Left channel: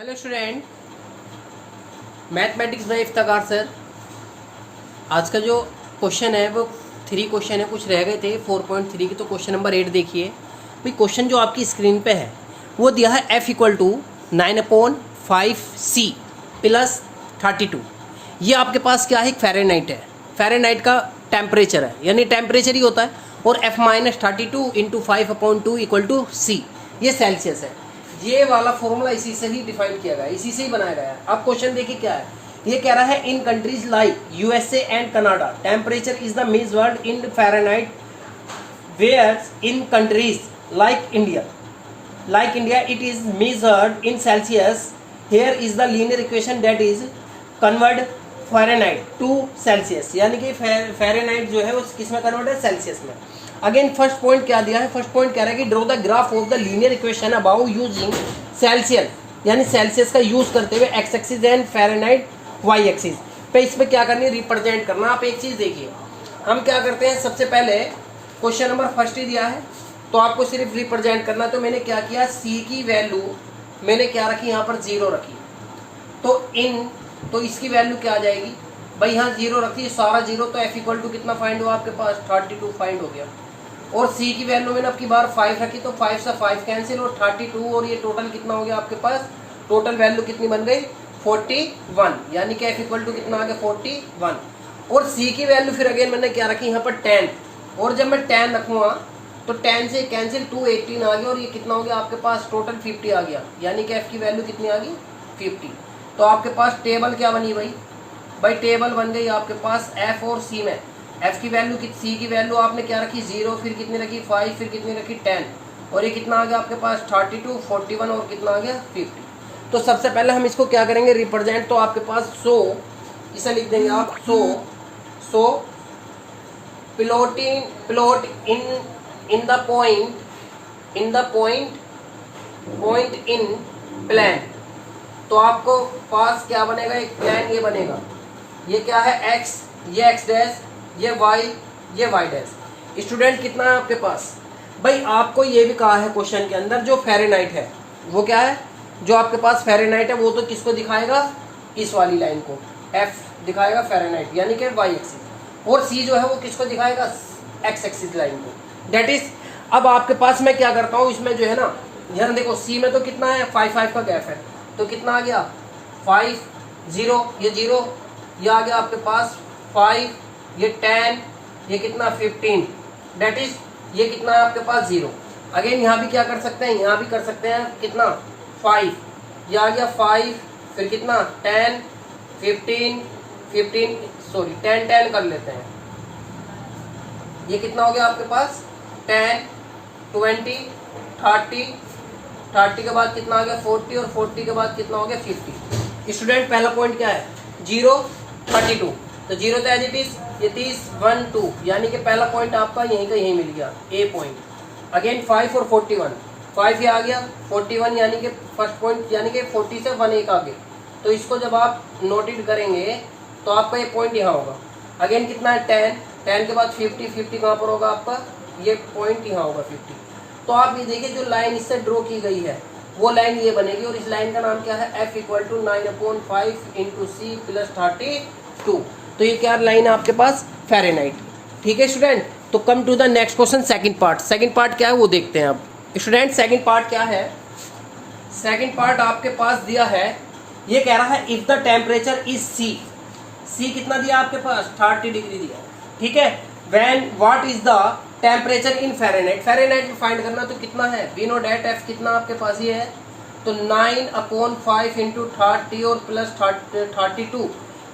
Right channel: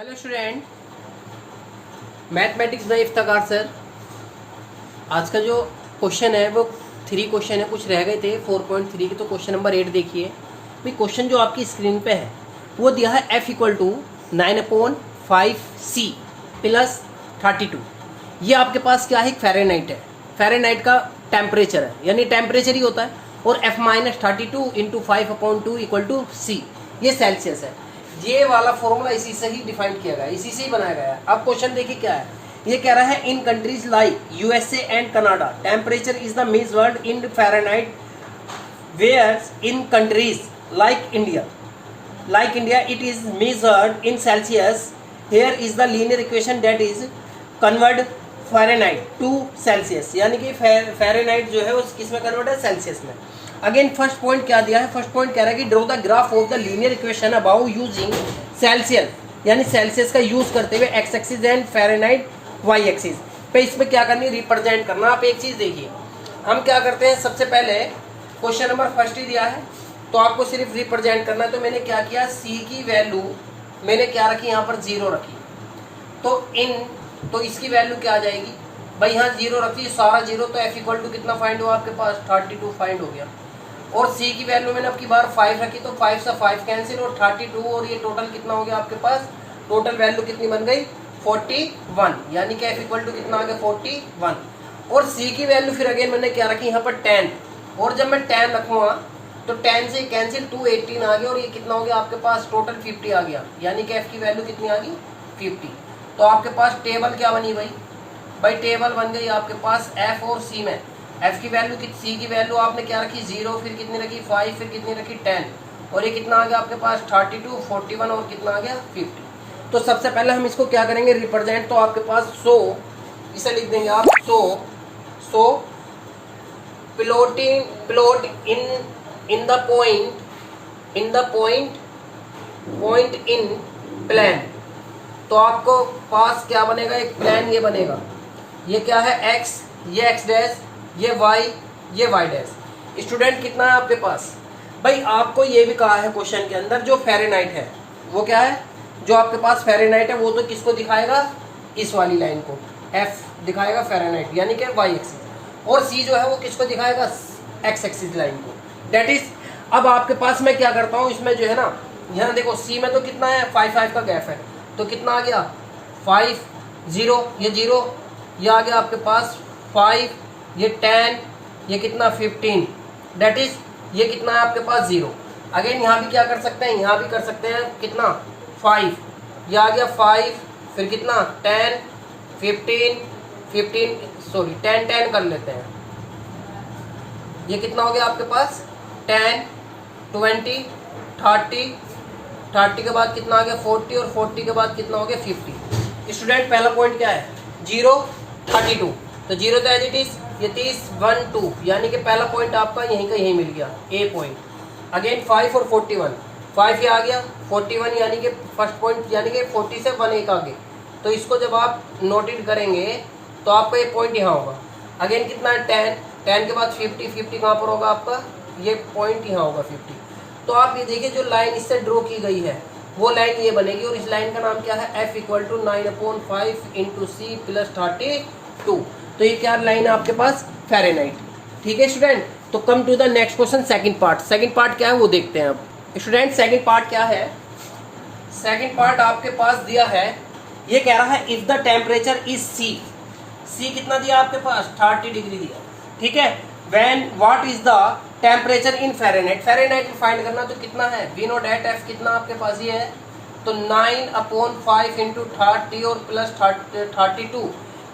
Hello student, mathematics bye Iftikhar sir. आज का जो क्वेश्चन है वो 3 क्वेश्चन है, कुछ रह गए थे 4.3 के। तो क्वेश्चन नंबर 8 देखिए भाई। क्वेश्चन जो आपकी स्क्रीन पे है वो दिया है F equal to 9/5C plus 32। ये आपके पास क्या है, एक फ़ारेनहाइट है। फ़ारेनहाइट का टेम्परेचर है, यानी टेम्परेचर ही होता है। और F minus 32 into 5/2 equal to C, ये सेल्सियस है। ये वाला फॉर्मूला इसी से ही डिफाइन किया गया है, इसी से ही बनाया गया है। अब क्वेश्चन देखिए क्या है। ये कह रहा है in countries like USA and Canada temperature is the measured in Fahrenheit, whereas in countries like India it is measured in Celsius. Here is the linear equation that is convert Fahrenheit to Celsius, यानी कि Fahrenheit जो है उस किस में convert है, Celsius में। Again first point क्या दिया है, फर्स्ट पॉइंट कह रहा है कि draw the graph of the linear equation above using Celsius, यानी सेल्सियस का यूज करते हुए x axis and Fahrenheit y axis पे। इस पर क्या करनी है, रिप्रेजेंट करना। आप एक चीज़ देखिए, हम क्या करते हैं, सबसे पहले क्वेश्चन नंबर फर्स्ट ही दिया है तो आपको सिर्फ रिप्रेजेंट करना। तो मैंने क्या किया, सी की वैल्यू मैंने क्या रखी, यहाँ पर 0 रखी। तो इसकी वैल्यू क्या आ जाएगी भाई, यहाँ 0 रखी, सारा 0। तो एफ इक्वल टू कितना फाइंड हुआ आपके पास, 32 फाइंड हो गया। और c की वैल्यू मैंने आपकी बार 5 रखी, तो 5 से 5 कैंसिल और 32, और ये टोटल कितना हो गया आपके पास, टोटल वैल्यू कितनी बन गई 41, यानी कि f इक्वल टू कितना आ गया 41। और c की वैल्यू फिर अगेन मैंने क्या रखी यहाँ पर 10, और जब मैं 10 रखूँगा तो 10 से कैंसिल 2 18 आ गया, और ये कितना हो गया आपके पास टोटल 50 आ गया, यानी कि f की वैल्यू कितनी आ गई 50। तो आपके पास टेबल क्या बनी भाई टेबल बन गई आपके पास f और c में। f की वैल्यू c की वैल्यू आपने क्या रखी 0, फिर कितनी रखी 5, फिर कितनी रखी 10, और ये कितना आ गया आपके पास 32, 41 और कितना आ गया 50। तो सबसे पहले हम इसको क्या करेंगे, रिप्रेजेंट। तो आपके पास 100 इसे लिख देंगे आप 100 plot in the point in plan. तो आपको पास क्या बनेगा, एक प्लान ये बनेगा। ये क्या है x, ये x डैश, ये y, ये y डैश। स्टूडेंट कितना है आपके पास भाई, आपको ये भी कहा है क्वेश्चन के अंदर जो फ़ारेनहाइट है वो क्या है, जो आपके पास फ़ारेनहाइट है वो तो किसको दिखाएगा, इस वाली लाइन को f दिखाएगा फ़ारेनहाइट, यानी कि y एक्सिस। और c जो है वो किसको दिखाएगा, x एक्सिस लाइन को, डेट इज। अब आपके पास मैं क्या करता हूँ, इसमें जो है ना, यहाँ देखो c में तो कितना है 5 का गैप है, तो कितना आ गया 5 0, ये 0, ये आ गया आपके पास 5, ये 10, ये कितना 15, डेट इज ये कितना है आपके पास 0। अगेन यहाँ भी क्या कर सकते हैं, यहाँ भी कर सकते हैं कितना 5, ये आ गया 5, फिर कितना 10 15 सॉरी 10 कर लेते हैं। ये कितना हो गया आपके पास 10 20 30 के बाद कितना आ गया 40, और 40 के बाद कितना हो गया 50। स्टूडेंट पहला पॉइंट क्या है 0 32, तो 0 तो एज इट इज, ये 30 1 2, यानी कि पहला पॉइंट आपका यहीं का यहीं मिल गया, ए पॉइंट। अगेन 5 और 41, 5 ये आ गया 41, यानी कि फर्स्ट पॉइंट, यानी कि 40 से 1 एक आगे। तो इसको जब आप नोटेड करेंगे तो आपका ये पॉइंट यहाँ होगा। अगेन कितना है 10 के बाद 50 कहाँ पर होगा आपका, ये पॉइंट यहाँ होगा 50। तो आप ये देखिए जो लाइन इससे ड्रॉ की गई है वो लाइन ये बनेगी, और इस लाइन का नाम क्या है, f equal to 9/5 into C plus 32। तो ये क्या लाइन है आपके पास, फ़ारेनहाइट। ठीक है स्टूडेंट, तो come to the next question, second part. Second part क्या है वो देखते हैं अब स्टूडेंट। सेकंड पार्ट क्या है, सेकंड पार्ट आपके पास दिया है, ये कह रहा है if the temperature is C कितना दिया आपके पास 30 डिग्री दिया, ठीक है। When what is the temperature in Fahrenheit, Fahrenheit में फाइंड करना, तो कितना है, वी नो डेट f कितना आपके पास ये है, तो 9/5 इंटू 30 और प्लस 32,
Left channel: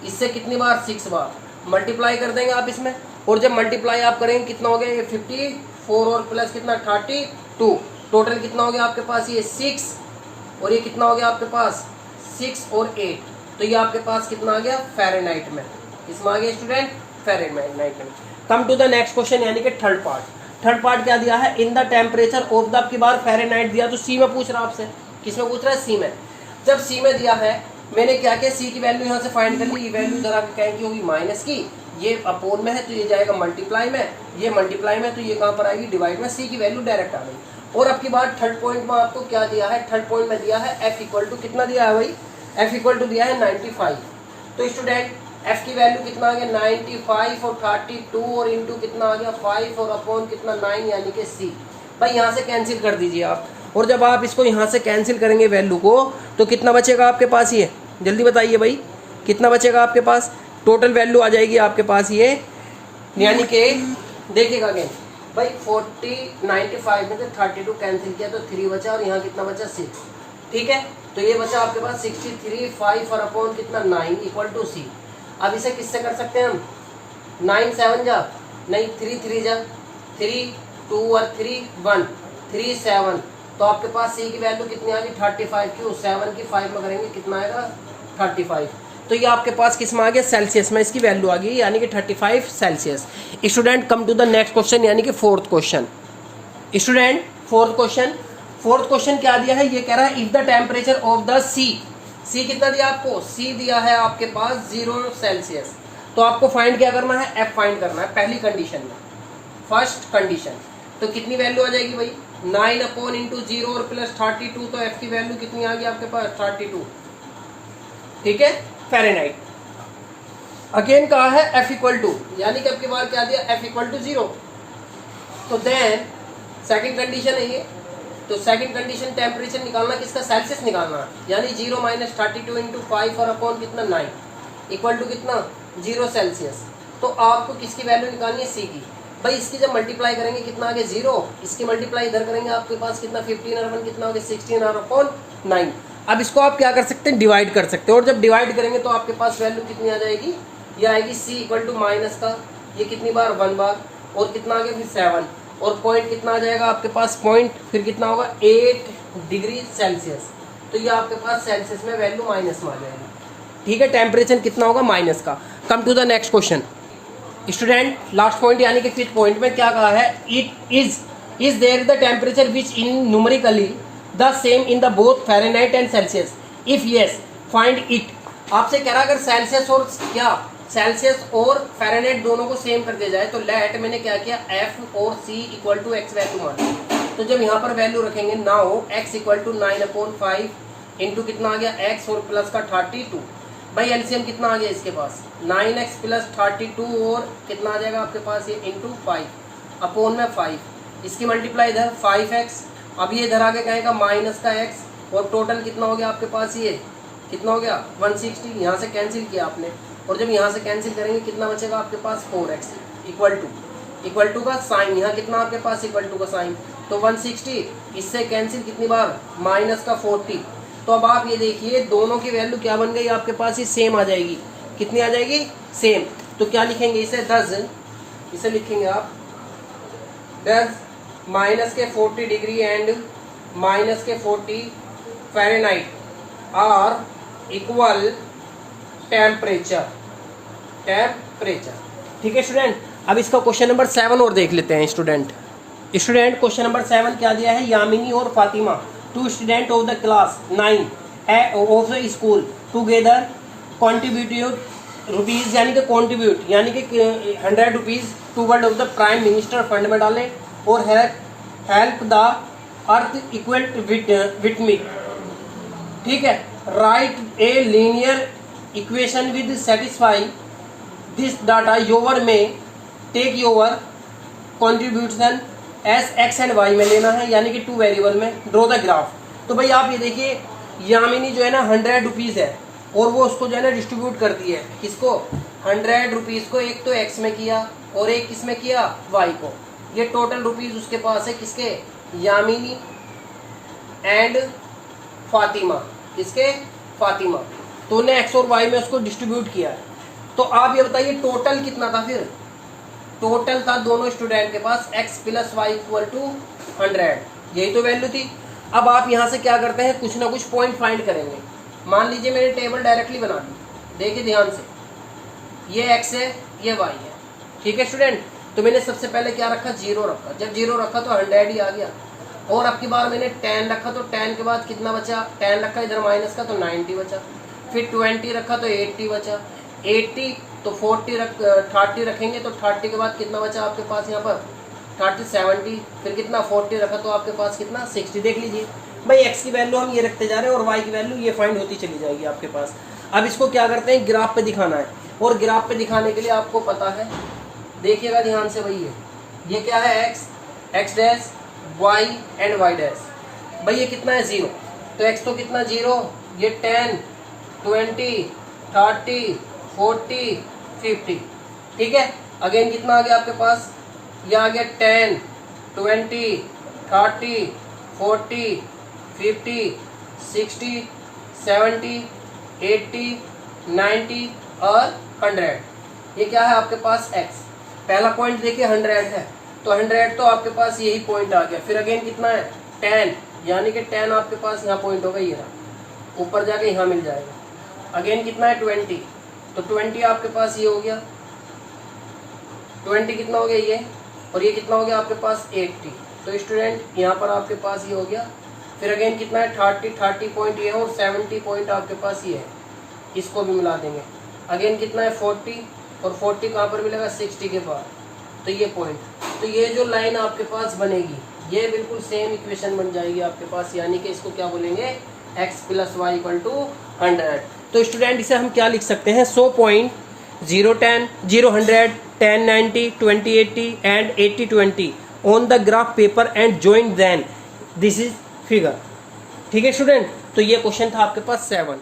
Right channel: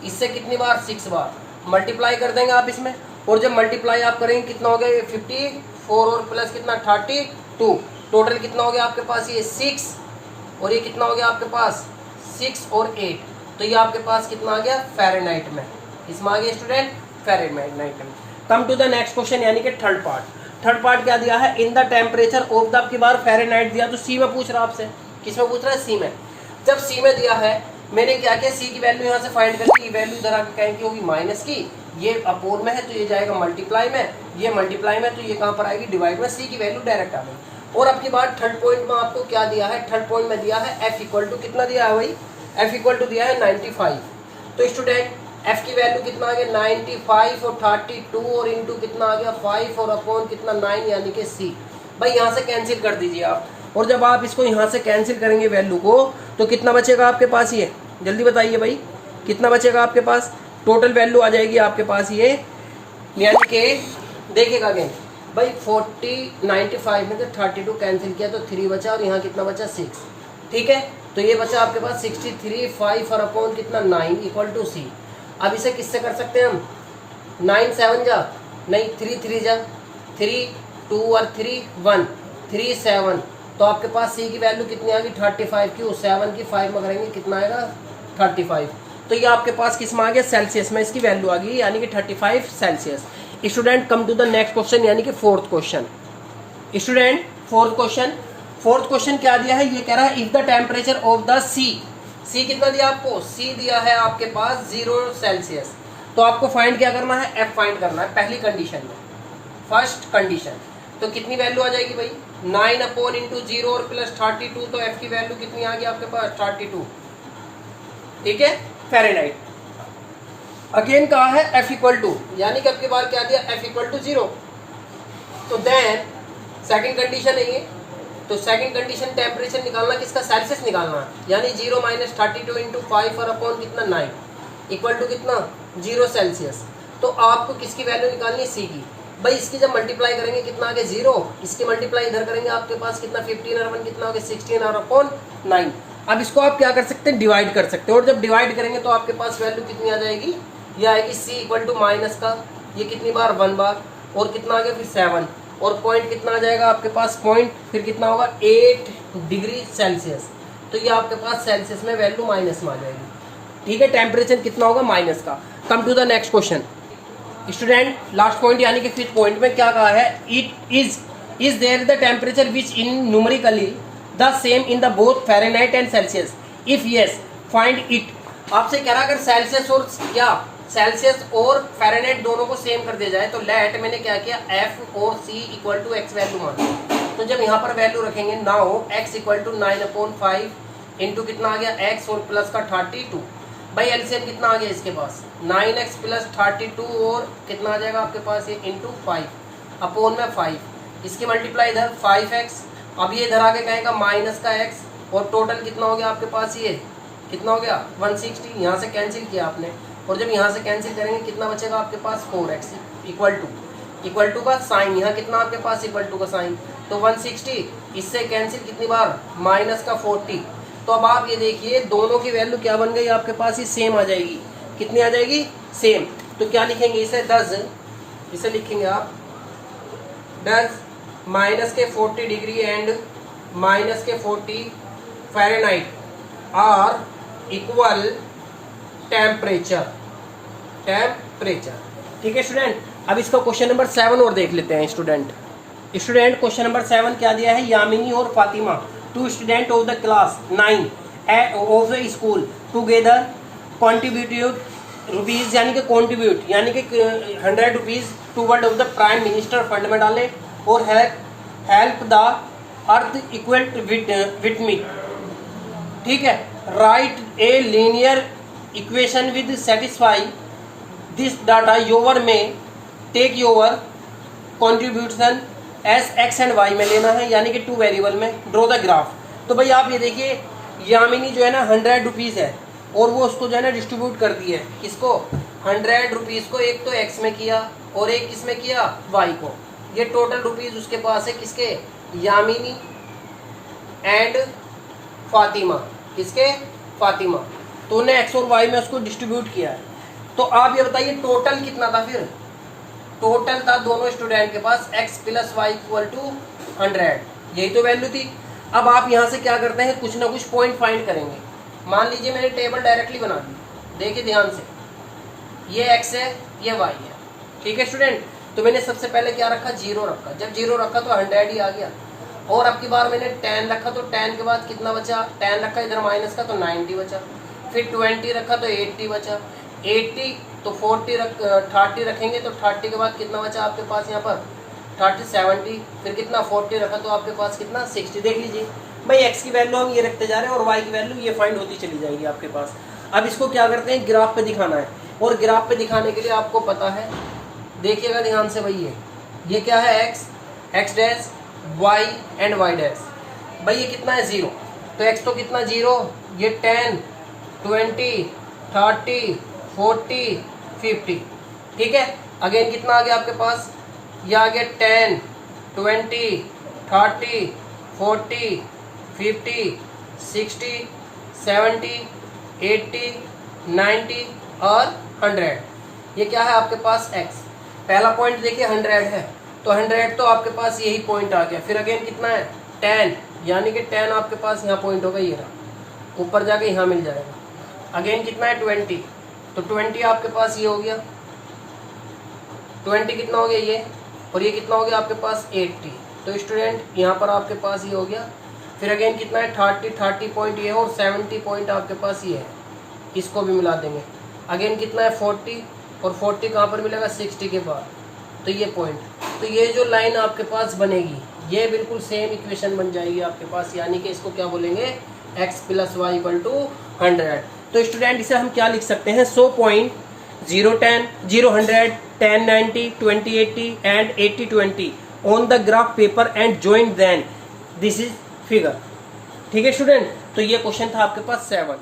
इससे कितनी बार 6 बार मल्टीप्लाई कर देंगे आप इसमें। और जब मल्टीप्लाई आप करेंगे कितना हो गया 54 और प्लस कितना 32, टोटल कितना हो गया आपके पास ये 6, और ये कितना हो गया आपके पास 6 और 8, तो ये आपके पास कितना आ गया फ़ारेनहाइट में, इसमें आ गया स्टूडेंट फ़ारेनहाइट में। Come to the next question, यानी कि थर्ड पार्ट क्या दिया है, in the temperature of the, आपकी बार फ़ारेनहाइट दिया, तो सी में पूछ रहा है आपसे, किस में पूछ रहा है, सी में। जब सी में दिया है मैंने क्या किया, सी की वैल्यू यहाँ से फाइंड कर ली, ये वैल्यू जरा कहें की होगी माइनस की, ये अपोन में है तो ये जाएगा मल्टीप्लाई में, ये मल्टीप्लाई में तो ये कहाँ पर आएगी डिवाइड में, सी की वैल्यू डायरेक्ट आ गई। और अब की बात थर्ड पॉइंट में आपको क्या दिया है, थर्ड पॉइंट में दिया है f इक्वल टू कितना दिया है भाई, f इक्वल टू दिया है 95। तो स्टूडेंट f की वैल्यू कितना आ गया 95 और 32 और इंटू कितना आ गया 5 और अपॉन कितना 9 यानी कि c। भाई यहाँ से कैंसिल कर दीजिए आप, और जब आप इसको यहाँ से कैंसिल करेंगे वैल्यू को तो कितना बचेगा आपके पास, ये जल्दी बताइए भाई कितना बचेगा आपके पास, टोटल वैल्यू आ जाएगी आपके पास ये, यानी कि देखिएगा अगेन भाई 40 95 में से 32 कैंसिल किया तो 3 बचा और यहाँ कितना बचा 6, ठीक है। तो ये बचा आपके पास 63 5 और अपॉन कितना 9 इक्वल टू c। अब इसे किससे कर सकते हैं हम, 9 7 जा नहीं 3 3 जा 3 2 और 3 1 3 7, तो आपके पास c की वैल्यू कितनी आ गई 35, क्यों 7 की 5 में करेंगे कितना आएगा 35। तो ये आपके पास किस में आ गया, सेल्सियस में इसकी वैल्यू आ गई, यानी कि 35 Celsius. Student come to the next question, यानी कि fourth question. Student fourth question क्या दिया है, ये कह रहा है if the temperature of the sea कितना दिया आपको, सी दिया है आपके पास 0 सेल्सियस। तो आपको फाइंड क्या करना है, एफ फाइंड करना है पहली कंडीशन में, फर्स्ट कंडीशन। तो कितनी वैल्यू आ जाएगी भाई 9 अपॉन इंटू 0 और प्लस 32, तो एफ की वैल्यू कितनी आ गई आपके पास 32, ठीक है, फ़ारेनहाइट। अगेन कहा है एफ इक्वल टू, यानी कि आपके बाद क्या दिया एफ इक्वल टू 0। तो देन सेकंड कंडीशन है ये, तो सेकंड कंडीशन टेम्परेचर निकालना किसका, सेल्सियस निकालना है, यानी 0 माइनस 32 इंटू 5 और अपॉन कितना 9 इक्वल टू कितना 0 सेल्सियस। तो आपको किसकी वैल्यू निकालनी है, सी की। भाई इसकी जब मल्टीप्लाई करेंगे कितना आ गया 0, इसकी मल्टीप्लाई इधर करेंगे आपके पास कितना 15 और 1 कितना हो गया 16 और अपॉन 9। अब इसको आप क्या कर सकते हैं, डिवाइड कर सकते हैं, और जब डिवाइड करेंगे तो आपके पास वैल्यू कितनी आ जाएगी, ये आएगी सी इक्वल टू माइनस का ये कितनी बार 1 बार, और कितना आ गया फिर 7, और पॉइंट कितना आ जाएगा आपके पास, पॉइंट फिर कितना होगा 8 डिग्री सेल्सियस। तो ये आपके पास सेल्सियस में वैल्यू माइनस में आ जाएगी, ठीक है। टेम्परेचर कितना होगा माइनस का। Come to the next question student, last point यानी कि फिफ्थ पॉइंट में क्या कहा है, it is there the temperature which in numerically the same in the both Fahrenheit and Celsius, if yes find it. आपसे कह रहा है अगर सेल्सियस और क्या, सेल्सियस और फ़ारेनहाइट दोनों को सेम कर दिया जाए, तो लेट मैंने क्या किया एफ और C equal to x value मान। तो जब यहाँ पर वैल्यू रखेंगे now x equal to 9/5 into कितना आ गया एक्स और प्लस का 32। भाई एलसीएम कितना आ गया इसके पास 9x प्लस 32 और कितना आ जाएगा आपके पास ये इंटू 5 अपॉन में 5, इसकी मल्टीप्लाई इधर 5x, अब ये इधर आगे कहेगा माइनस का x, और टोटल कितना हो गया आपके पास ये कितना हो गया 160। यहाँ से कैंसिल किया आपने, और जब यहाँ से कैंसिल करेंगे कितना बचेगा आपके पास 4x इक्वल टू का साइन, यहाँ कितना आपके पास इक्वल टू का साइन, तो 160 इससे कैंसिल कितनी बार माइनस का 40। तो अब आप ये देखिए दोनों की वैल्यू क्या बन गई आपके पास, ये सेम आ जाएगी, कितनी आ जाएगी सेम। तो क्या लिखेंगे इसे 10, इसे लिखेंगे आप 10 माइनस के 40 डिग्री एंड माइनस के 40 फ़ारेनहाइट आर इक्वल टेम्परेचर, ठीक है स्टूडेंट। अब इसका क्वेश्चन नंबर 7 और देख लेते हैं स्टूडेंट। क्वेश्चन नंबर 7 क्या दिया है, यामिनी और Fatima 2 student of the class 9 of the school together contributed rupees, यानी कि कॉन्ट्रीब्यूट यानी कि 100 rupees toward of the prime minister fund में डाले, और help the earth equal with me, ठीक है। Right a linear equation with satisfy this data, your में take your contribution as x and y में लेना है, यानी कि 2 वेरिएबल में ड्रॉ द ग्राफ। तो भाई आप ये देखिए यामिनी जो है ना 100 रुपीज़ है, और वो उसको जो है ना डिस्ट्रीब्यूट कर दी है, किसको 100 रुपीज़ को, एक तो एक्स में किया और एक किस में किया वाई को। ये टोटल रुपीज़ उसके पास है किसके, यामिनी एंड फातिमा, किसके फातिमा। तो उन्हें एक्स और वाई में उसको डिस्ट्रीब्यूट किया है। तो आप ये बताइए टोटल कितना था, फिर टोटल था दोनों स्टूडेंट के पास x plus y equal to 100, यही तो वैल्यू थी। अब आप यहाँ से क्या करते हैं, कुछ ना कुछ पॉइंट फाइंड करेंगे। मान लीजिए मैंने टेबल डायरेक्टली बना दी, देखिए ध्यान से, ये x है ये y है, ठीक है स्टूडेंट। तो मैंने सबसे पहले क्या रखा 0 रखा, जब 0 रखा तो 100 ही आ गया, और अब की बार मैंने 10 रखा तो 10 के बाद कितना बचा, 10 रखा इधर माइनस का तो 90 बचा, फिर 20 रखा तो 80 बचा, 80 तो 30 रखेंगे तो 30 के बाद कितना बचा आपके पास यहाँ पर 30 70, फिर कितना 40 रखा तो आपके पास कितना 60। देख लीजिए भाई x की वैल्यू हम ये रखते जा रहे हैं और y की वैल्यू ये फाइंड होती चली जाएगी आपके पास। अब इसको क्या करते हैं, ग्राफ पे दिखाना है, और ग्राफ पे दिखाने के लिए आपको पता है, देखिएगा ध्यान से भाई, ये क्या है x dash y and y dash. भाई ये कितना है 0, तो x तो कितना 0, ये 10 20 30 40 50, ठीक है। अगेन कितना आ गया आपके पास, ये आ गया 10 20 30 40 50 60 70 80 90 और 100। ये क्या है आपके पास x, पहला पॉइंट देखिए 100 है, तो 100 तो आपके पास यही पॉइंट आ गया। फिर अगेन कितना है 10, यानी कि 10 आपके पास यहाँ पॉइंट होगा, ये रहा, ऊपर जाके यहाँ मिल जाएगा। अगेन कितना है 20, तो 20 आपके पास ये हो गया, 20 कितना हो गया ये, और ये कितना हो गया आपके पास 80, तो स्टूडेंट यहाँ पर आपके पास ये हो गया। फिर अगेन कितना है 30 पॉइंट ये है, और 70 पॉइंट आपके पास ये है, इसको भी मिला देंगे। अगेन कितना है 40, और 40 कहाँ पर मिलेगा 60 के बाद, तो ये पॉइंट, तो ये जो लाइन आपके पास बनेगी ये बिल्कुल सेम इक्वेशन बन जाएगी आपके पास, यानी कि इसको क्या बोलेंगे x + y = 100। तो स्टूडेंट इसे हम क्या लिख सकते हैं, 100 point 0 10 0 100 10 90 20 80 and 80 20 on the graph paper and join then this is figure. ठीक है स्टूडेंट, तो ये क्वेश्चन था आपके पास 7।